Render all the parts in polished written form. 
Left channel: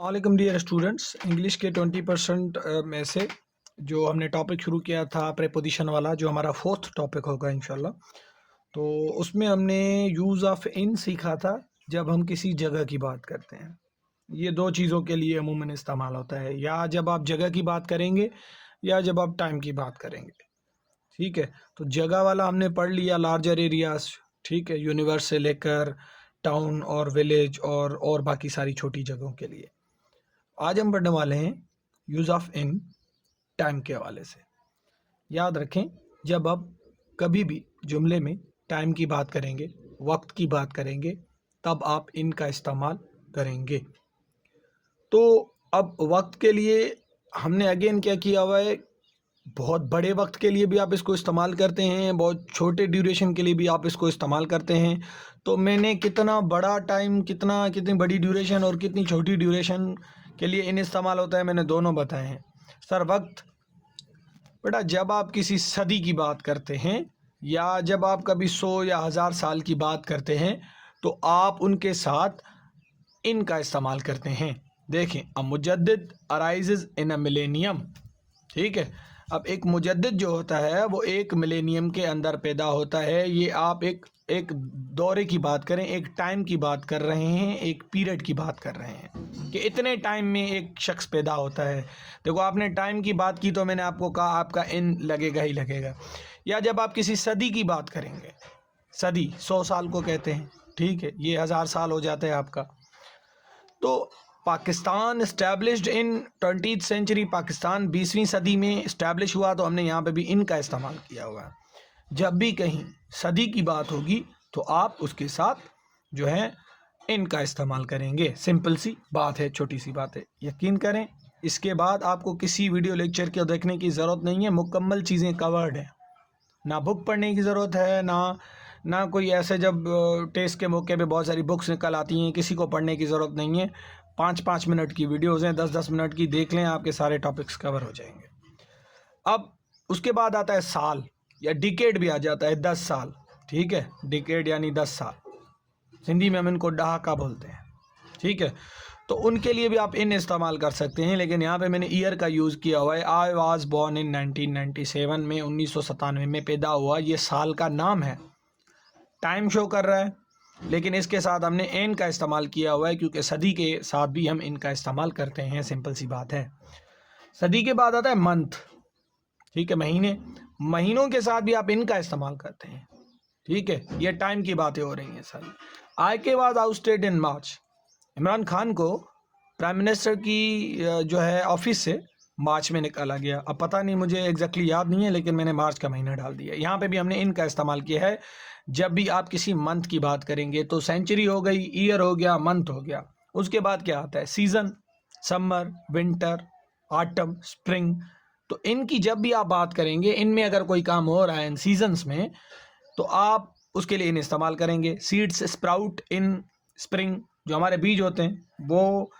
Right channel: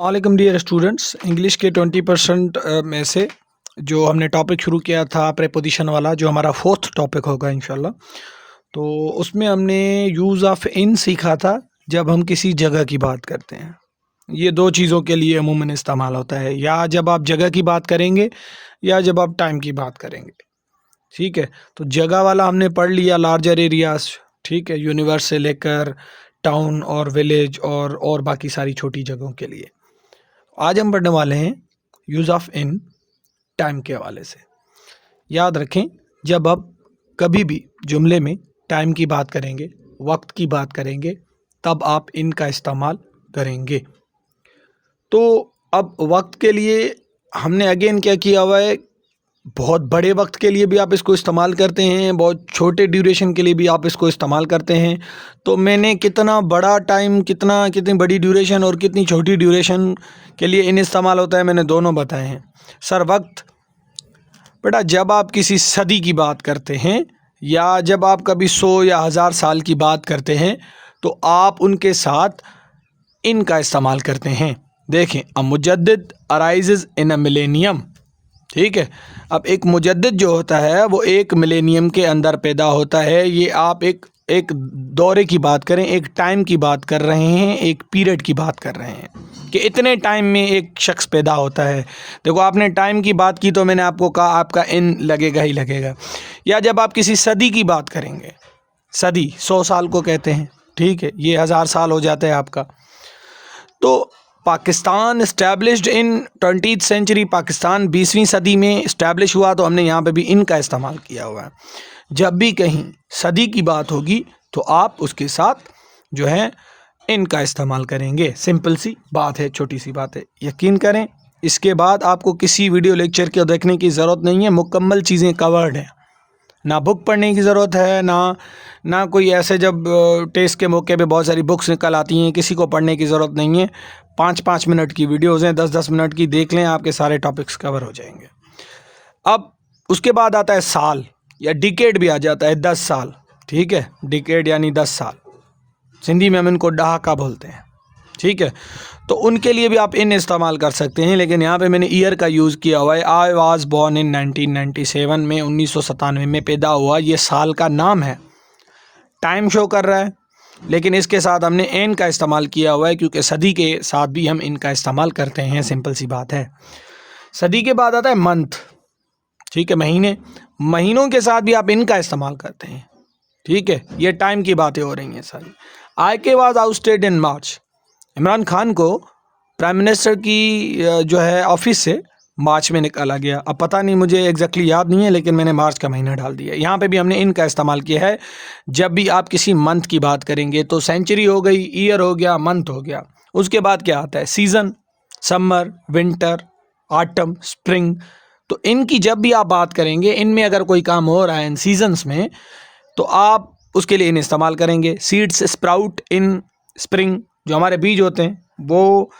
वालेकुम dear students. English के 20% में से जो हमने टॉपिक शुरू किया था प्रेपोजिशन वाला, जो हमारा फोर्थ टॉपिक होगा इंशाल्लाह, तो उसमें हमने यूज़ ऑफ इन सीखा था। जब हम किसी जगह की बात करते हैं, ये दो चीज़ों के लिए अमूमन इस्तेमाल होता है, या जब आप जगह की बात करेंगे या जब आप टाइम की बात करेंगे। ठीक है, तो जगह वाला हमने पढ़ लिया, लार्जर एरियाज। ठीक है, यूनिवर्स से लेकर टाउन और विलेज और बाकी सारी छोटी जगहों के लिए। आज हम पढ़ने वाले हैं यूज़ ऑफ इन टाइम के हवाले से। याद रखें, जब आप कभी भी जुमले में टाइम की बात करेंगे, वक्त की बात करेंगे, तब आप इन का इस्तेमाल करेंगे। तो अब वक्त के लिए हमने अगेन क्या किया हुआ है, बहुत बड़े वक्त के लिए भी आप इसको इस्तेमाल करते हैं, बहुत छोटे ड्यूरेशन के लिए भी आप इसको इस्तेमाल करते हैं। तो मैंने कितना बड़ा टाइम, कितनी बड़ी ड्यूरेशन और कितनी छोटी ड्यूरेशन के लिए इन इस्तेमाल होता है, मैंने दोनों बताए हैं। सर वक्त बेटा, जब आप किसी सदी की बात करते हैं या जब आप कभी 100 या 1000 साल की बात करते हैं, तो आप उनके साथ इन का इस्तेमाल करते हैं। देखें, अ मुजद्दिद अराइजेज इन अ मिलेनियम। ठीक है, अब एक मुजद्दिद जो होता है वो एक मिलेनियम के अंदर पैदा होता है। ये आप एक दौरे की बात करें, एक टाइम की बात कर रहे हैं, एक पीरियड की बात कर रहे हैं कि इतने टाइम में एक शख्स पैदा होता है। देखो, आपने टाइम की बात की तो मैंने आपको कहा आपका इन लगेगा ही लगेगा। या जब आप किसी सदी की बात करेंगे, सदी 100 साल को कहते हैं, ठीक है, ये 1000 साल हो जाता है आपका। तो Pakistan established in 20th century, Pakistan 20वीं सदी में इस्टेब्लिश हुआ, तो हमने यहाँ पे भी इन का इस्तेमाल किया हुआ है। जब भी कहीं सदी की बात होगी तो आप उसके साथ जो है इन का इस्तेमाल करेंगे। सिंपल सी बात है, छोटी सी बात है, यकीन करें। इसके बाद आपको किसी वीडियो लेक्चर को देखने की ज़रूरत नहीं है, मुकम्मल चीज़ें कवर्ड हैं। ना बुक पढ़ने की ज़रूरत है, ना कोई ऐसे जब टेस्ट के मौके पे बहुत सारी बुक्स निकल आती हैं, किसी को पढ़ने की ज़रूरत नहीं है। 5-5 मिनट की वीडियोज़ हैं, 10-10 मिनट की, देख लें, आपके सारे टॉपिक्स कवर हो जाएंगे। अब उसके बाद आता है साल, या डिकेड भी आ जाता है, 10 साल। ठीक है, डिकेड यानी 10 साल, सिंधी में हम इनको डहाका बोलते हैं। ठीक है, तो उनके लिए भी आप इन इस्तेमाल कर सकते हैं, लेकिन यहाँ पे मैंने ईयर का यूज़ किया हुआ है। आई वाज बॉर्न इन 1997 में, 1997 में पैदा हुआ। ये साल का नाम है, टाइम शो कर रहा है, लेकिन इसके साथ हमने एन का इस्तेमाल किया हुआ है, क्योंकि सदी के साथ भी हम इनका इस्तेमाल करते हैं। सिंपल सी बात है। सदी के बाद आता है मंथ। ठीक है, महीने, महीनों के साथ भी आप इनका इस्तेमाल करते हैं। ठीक है, ये टाइम की बातें हो रही हैं सारी। आई के वाज आउटस्टेड इन मार्च, इमरान खान को प्राइम मिनिस्टर की जो है ऑफिस से मार्च में निकाला गया। अब पता नहीं, मुझे एग्जैक्टली याद नहीं है, लेकिन मैंने मार्च का महीना डाल दिया। यहाँ पे भी हमने इनका इस्तेमाल किया है। जब भी आप किसी मंथ की बात करेंगे तो सेंचुरी हो गई, ईयर हो गया, मंथ हो गया, उसके बाद क्या आता है, season, summer, winter, autumn, spring. तो इनकी जब भी आप बात करेंगे, इनमें अगर कोई काम हो रहा है इन सीजन्स में, तो आप उसके लिए इन इस्तेमाल करेंगे। सीड्स स्प्राउट इन स्प्रिंग, जो हमारे बीज होते हैं वो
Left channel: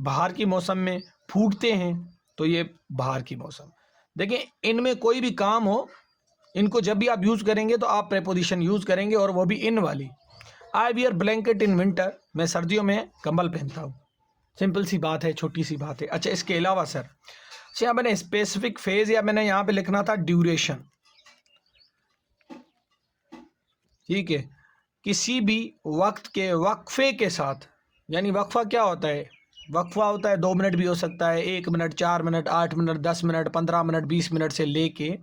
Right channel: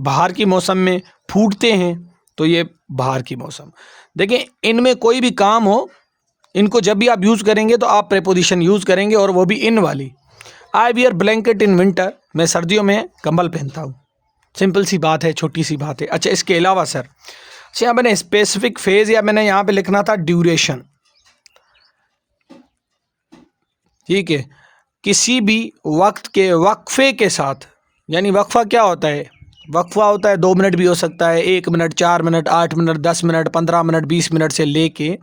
बाहर की मौसम में फूटते हैं, तो ये बाहर की मौसम। देखें, इनमें कोई भी काम हो, इनको जब भी आप यूज़ करेंगे तो आप प्रेपोजिशन यूज़ करेंगे, और वो भी इन वाली। I wear blanket in winter, मैं सर्दियों में कंबल पहनता हूँ। सिंपल सी बात है, छोटी सी बात है। अच्छा, इसके अलावा सर, अच्छा, यहाँ मैंने स्पेसिफिक फेज, या मैंने यहाँ पे लिखना था ड्यूरेशन। ठीक है, किसी भी वक्त के वक्फे के साथ, यानी वक्फा क्या होता है, वक्फा होता है 2 मिनट भी हो सकता है, 1 minute, 4 minute, 8 minute, 10 minute, 15 minute, 20 minute से लेके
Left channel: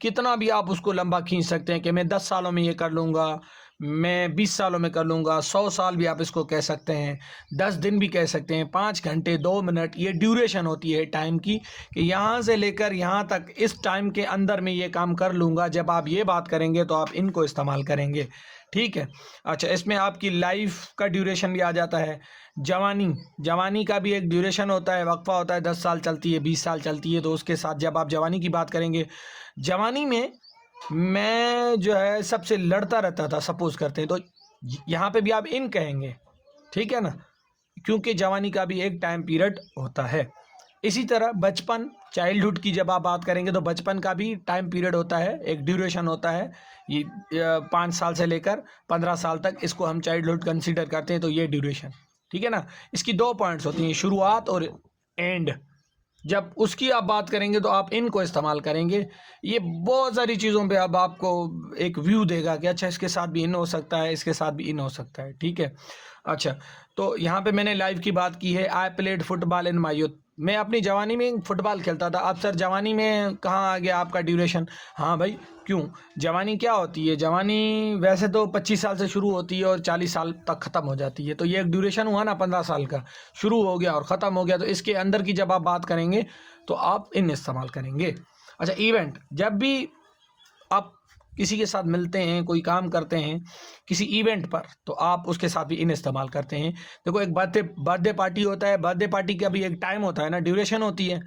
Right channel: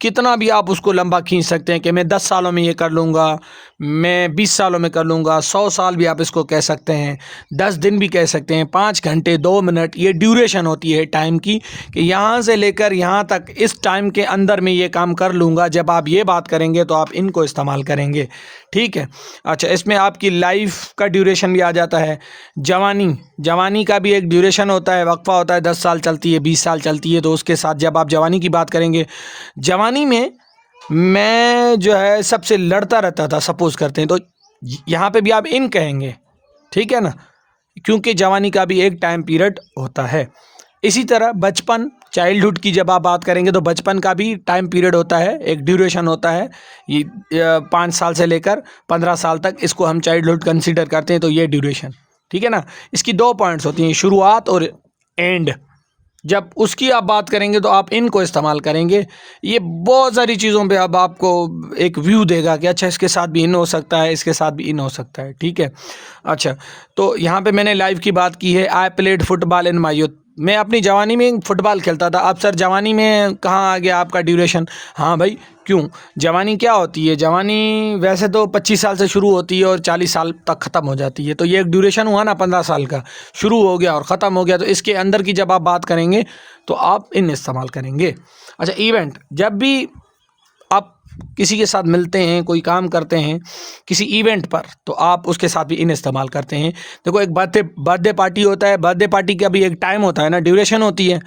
कितना भी आप उसको लंबा खींच सकते हैं कि मैं 10 सालों में ये कर लूँगा, मैं 20 सालों में कर लूँगा, 100 साल भी आप इसको कह सकते हैं, 10 दिन भी कह सकते हैं, 5 घंटे, 2 मिनट, ये ड्यूरेशन होती है टाइम की, कि यहाँ से लेकर यहाँ तक इस टाइम के अंदर में ये काम कर लूँगा। जब आप ये बात करेंगे तो आप इनको इस्तेमाल करेंगे। ठीक है, अच्छा, इसमें आपकी लाइफ का ड्यूरेशन भी आ जाता है। जवानी का भी एक ड्यूरेशन होता है, वक्फा होता है, 10 साल चलती है, 20 साल चलती है, तो उसके साथ जब आप जवानी की बात करेंगे, जवानी में मैं जो है सबसे लड़ता रहता था, सपोज करते हैं, तो यहाँ पे भी आप इन कहेंगे। ठीक है ना, क्योंकि जवानी का भी एक टाइम पीरियड होता है। इसी तरह बचपन, चाइल्डहुड की जब आप बात करेंगे तो बचपन का भी टाइम पीरियड होता है, एक ड्यूरेशन होता है। ये 5 साल से लेकर 15 साल तक इसको हम चाइल्डहुड कंसीडर करते हैं, तो ये ड्यूरेशन। ठीक है ना। इसकी 2 पॉइंट्स होती हैं, शुरुआत और एंड। जब उसकी आप बात करेंगे तो आप इन को इस्तेमाल करेंगे। ये बहुत सारी चीज़ों पे अब आपको एक व्यू देगा कि अच्छा इसके साथ भी इन हो सकता है, इसके साथ भी इन हो सकता है, ठीक है। अच्छा, तो यहाँ पे मैंने लाइफ की बात की है। I played football in my youth. मैं अपनी जवानी में फुटबॉल खेलता था। अब सर जवानी में कहाँ आ गया आपका ड्यूरेशन? हाँ भाई, क्यों? जवानी क्या होती है? जवानी वैसे तो 25 साल से शुरू होती है और 40 साल तक ख़त्म हो जाती है। तो ये एक ड्यूरेशन हुआ ना 15 साल का, शुरू हो गया और ख़त्म हो गया। तो इसके अंदर की जब आप बात करेंगे तो आप इन इस्तेमाल करेंगे। अच्छा, इवेंट, जब भी आप किसी के साथ मिलते हैं, कोई काम करते हैं किसी इवेंट पर, तो आप उसके साथ भी इन इस्तेमाल करते हैं। देखो, एक बर्थडे पार्टी होता है, बर्थडे पार्टी का भी एक टाइम होता है ना, ड्यूरेशन होती है,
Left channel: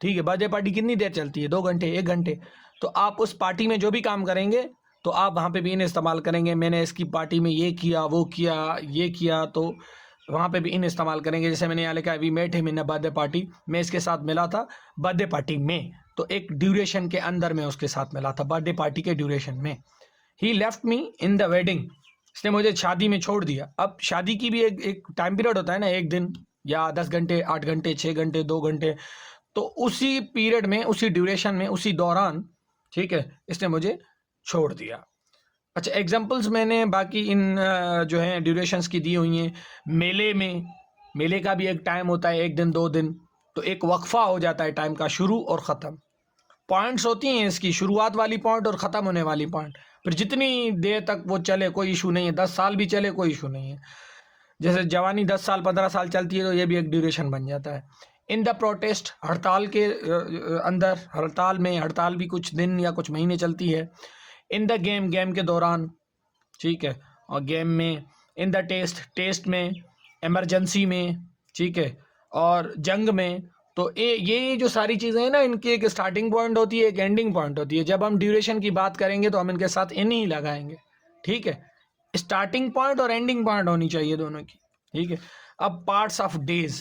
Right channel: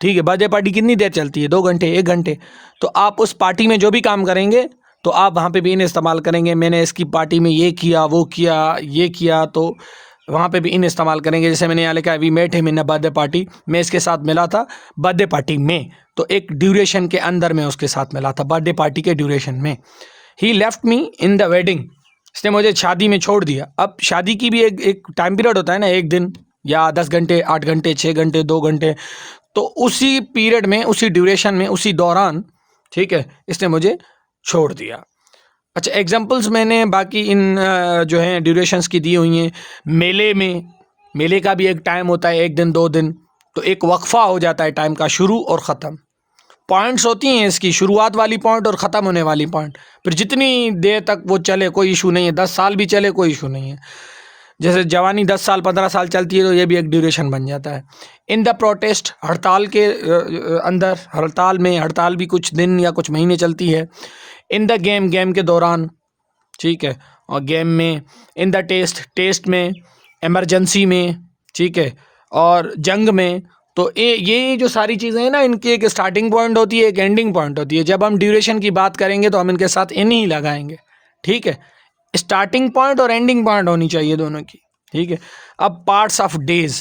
ठीक है। बर्थडे पार्टी कितनी देर चलती है? 2 घंटे, 1 घंटे। तो आप उस पार्टी में जो भी काम करेंगे तो आप वहाँ पे भी इन इस्तेमाल करेंगे। मैंने इसकी पार्टी में ये किया, वो किया, ये किया, तो वहाँ पे भी इन इस्तेमाल करेंगे। जैसे मैंने यहाँ लिखा है we met him in a birthday party, मैं इसके साथ मिला था बर्थडे पार्टी में, तो एक ड्यूरेशन के अंदर मैं उसके साथ मिला था, बर्थडे पार्टी के ड्यूरेशन में। He left me in the wedding, इसने मुझे शादी में छोड़ दिया। अब शादी की भी एक टाइम पीरियड होता है ना, 1 दिन या 10 घंटे, 8 घंटे, 6 घंटे, 2 घंटे। तो उसी पीरियड में, उसी ड्यूरेशन में, उसी दौरान, ठीक है, इसने मुझे छोड़ दिया। अच्छा, एग्जांपल्स मैंने बाकी इन जो हैं ड्यूरेशंस की दी हुई हैं। मेले में, मेले का भी एक टाइम होता है, 1 दिन, 2 दिन, तो एक वक्फा हो जाता है टाइम का, शुरू और ख़त्म। पॉइंट्स होती हैं इसकी, शुरुआत वाली पॉइंट और ख़त्म होने वाली पॉइंट। फिर जितनी देर तक वो चले कोई इशू नहीं है, 10 साल भी चले कोई इशू नहीं है। जैसे जवानी 10 साल 15 साल चलती है तो ये भी एक ड्यूरेशन बन जाता है। इन द प्रोटेस्ट, हड़ताल के अंदर, हड़ताल में, हड़ताल भी कुछ दिन या कुछ महीने चलती है। इन द गेम, गेम के दौरान, ठीक है, और गेम में। इन द टेस्ट, टेस्ट में। इमरजेंसी में, ठीक है, और जंग में। तो ये जो सारी चीज़ें हैं ना, इनकी एक स्टार्टिंग पॉइंट होती है, एक एंडिंग पॉइंट होती है। जब हम ड्यूरेशन की बात करेंगे तो हम इनके साथ इन ही लगाएंगे, ठीक है। स्टार्टिंग पॉइंट और एंडिंग पॉइंट होनी चाहिए दोनों की, ठीक है। अब पार्ट्स ऑफ डेज,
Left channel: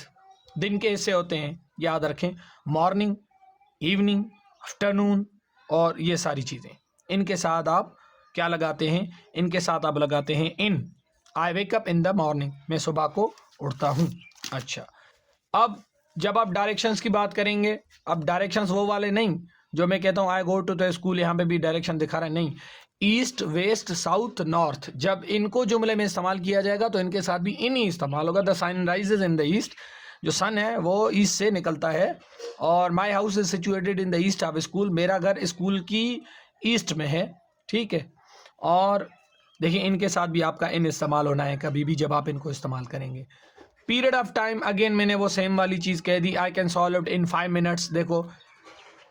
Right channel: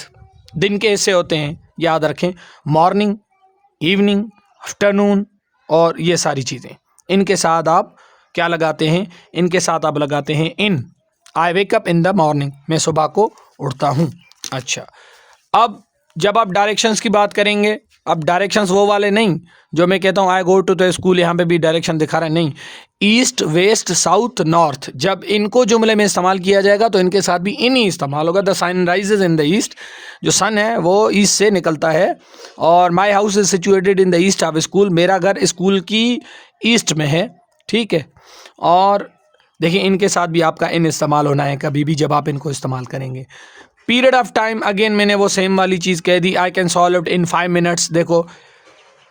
दिन के हिस्से होते हैं, याद रखें, मॉर्निंग, इवनिंग, आफ्टरनून, और ये सारी चीज़ें। इनके साथ आप क्या लगाते हैं? इनके साथ आप लगाते हैं in. I wake up in the morning, मैं सुबह को उठता हूँ। अच्छा, अब जब आप डायरेक्शंस की बात करेंगे, अब डायरेक्शंस वो वाले नहीं जो मैं कहता हूँ आई गो टू द स्कूल, यहाँ पे भी डायरेक्शन दिखा रहा है, नहीं। ईस्ट, वेस्ट, साउथ, नॉर्थ, जब इनको जुमले में इस्तेमाल किया जाएगा तो इनके साथ भी इन ही इस्तेमाल होगा। The sun rises in the east, जो सन है वो ईस्ट से निकलता है। और my house is situated in the east of school, मेरा घर स्कूल की ईस्ट में है, ठीक है। और देखिए, इनके साथ भी आपका इन इस्तेमाल होना है कभी भी जब आप इनको इस्तेमाल करेंगे। पीरियड ऑफ टाइम, अगेन मैंने वो सेम वाली चीज़ कह दी, I can solve it in 5 minutes. देखो,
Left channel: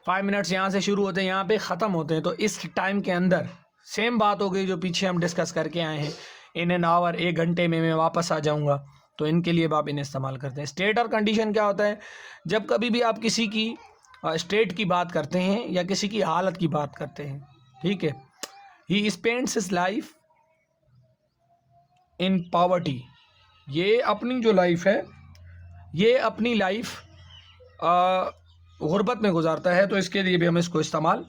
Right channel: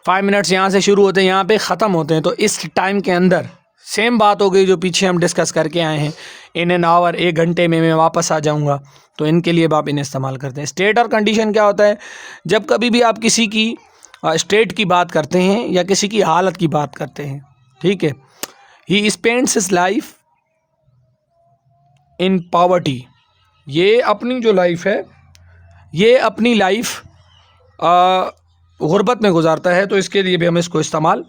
5 मिनट्स यहाँ से शुरू होते हैं, यहाँ पे ख़त्म होते हैं, तो इस टाइम के अंदर सेम बात हो गई जो पीछे हम डिस्कस करके आए हैं। इन एन आवर, 1 घंटे में मैं वापस आ जाऊँगा, तो इनके लिए आप इन इस्तेमाल करते हैं। स्टेट और कंडीशन क्या होता है? जब कभी भी आप किसी की स्टेट की बात करते हैं या किसी की हालत की बात करते हैं, ठीक है। He spends his life in poverty, ये अपनी जो लाइफ है, ये अपनी लाइफ गुर्बत में गुजारता है, तो इसके लिए भी हम इसको इस्तेमाल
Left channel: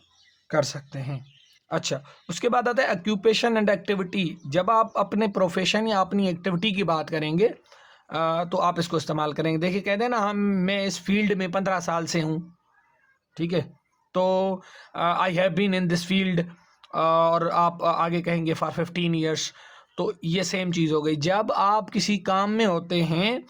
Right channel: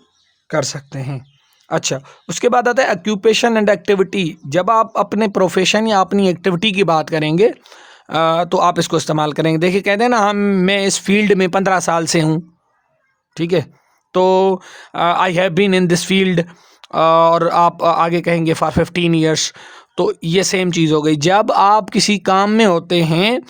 कर सकते हैं। अच्छा, उसके बाद आता है ऑक्यूपेशन एंड एक्टिविटी। जब आप अपने प्रोफेशन या अपनी एक्टिविटी की बात करेंगे तो आप इसको इस्तेमाल करेंगे। देखिए, कहते हैं ना, मैं इस फील्ड में 15 साल से हूँ, ठीक है, तो I have been in this field, और आप आगे कहेंगे फॉर 15 ईयर्स। तो ये सेम चीज़ हो गई। जब आप किसी काम में होते हैं,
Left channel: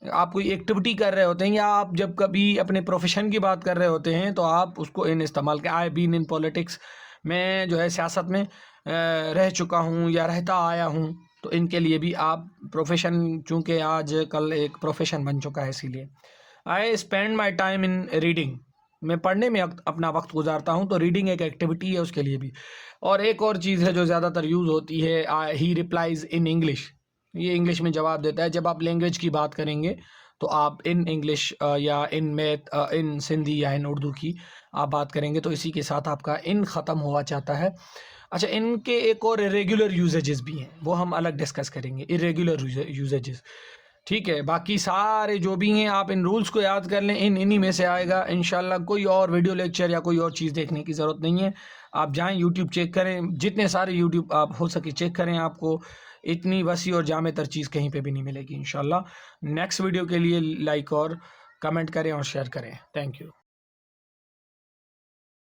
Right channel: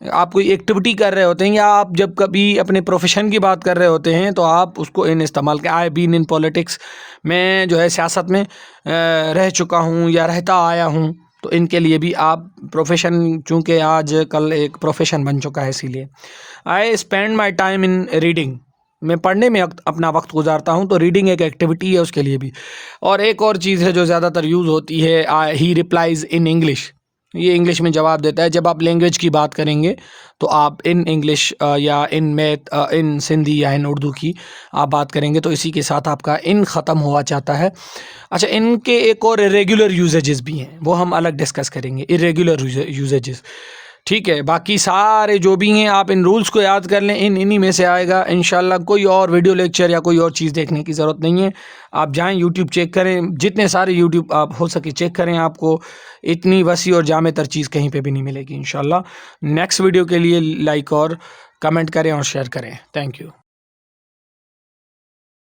आप कोई एक्टिविटी कर रहे होते हैं, या आप जब कभी अपने प्रोफेशन की बात कर रहे होते हैं, तो आप उसको इन इस्तेमाल कर। आई बीन इन पॉलिटिक्स, मैं जो है सियासत में रह चुका हूँ या रहता आया हूँ, तो इनके लिए भी आप प्रोफेशन, चूँकि आज कल एक प्रोफेशन बन चुका है, इसीलिए। I spend my time in reading, मैं पढ़ने में अपना वक्त गुजारता हूँ, तो रीडिंग एक एक्टिविटी है उसके लिए भी। और एक और चीज़ है जो ज़्यादातर यूज़ होती है, ही रिप्लाइज़ इन इंग्लिश, ये इंग्लिश में जवाब देता है। जब आप लैंग्वेज की बात करेंगे तो आप इन इंग्लिश या इन मैथ, इन सिंधी या इन उर्दू की आप बात करेंगे, तो इसी के साथ आपका इन ख़त्म हुआ चाहता है। अच्छा, इनके एक और इरेगुलर यूजेजेस भी हैं, वो हम अलग डिस्कस करेंगे, इरेगुलर यूजेजेस। ठीक है, बाकी सारे जो भी हैं आप इन रूल्स को याद कर लें, इन्हीं में से आएगा इंशाल्लाह। कोई और वीडियो लेक्चर या कोई और चीज़ देखने की ज़रूरत नहीं है। आप जाएं यूट्यूब चेक करें, जितने सारे यूट्यूब आप हो सके चेक करें, आपको इतनी वसी और जामे-तर चीज़ कहीं पे भी नहीं मिलेगी इंशाल्लाह। नेक्स्ट वीडियो के लिए लाइक और कमेंट करें और शेयर करें। Thank you.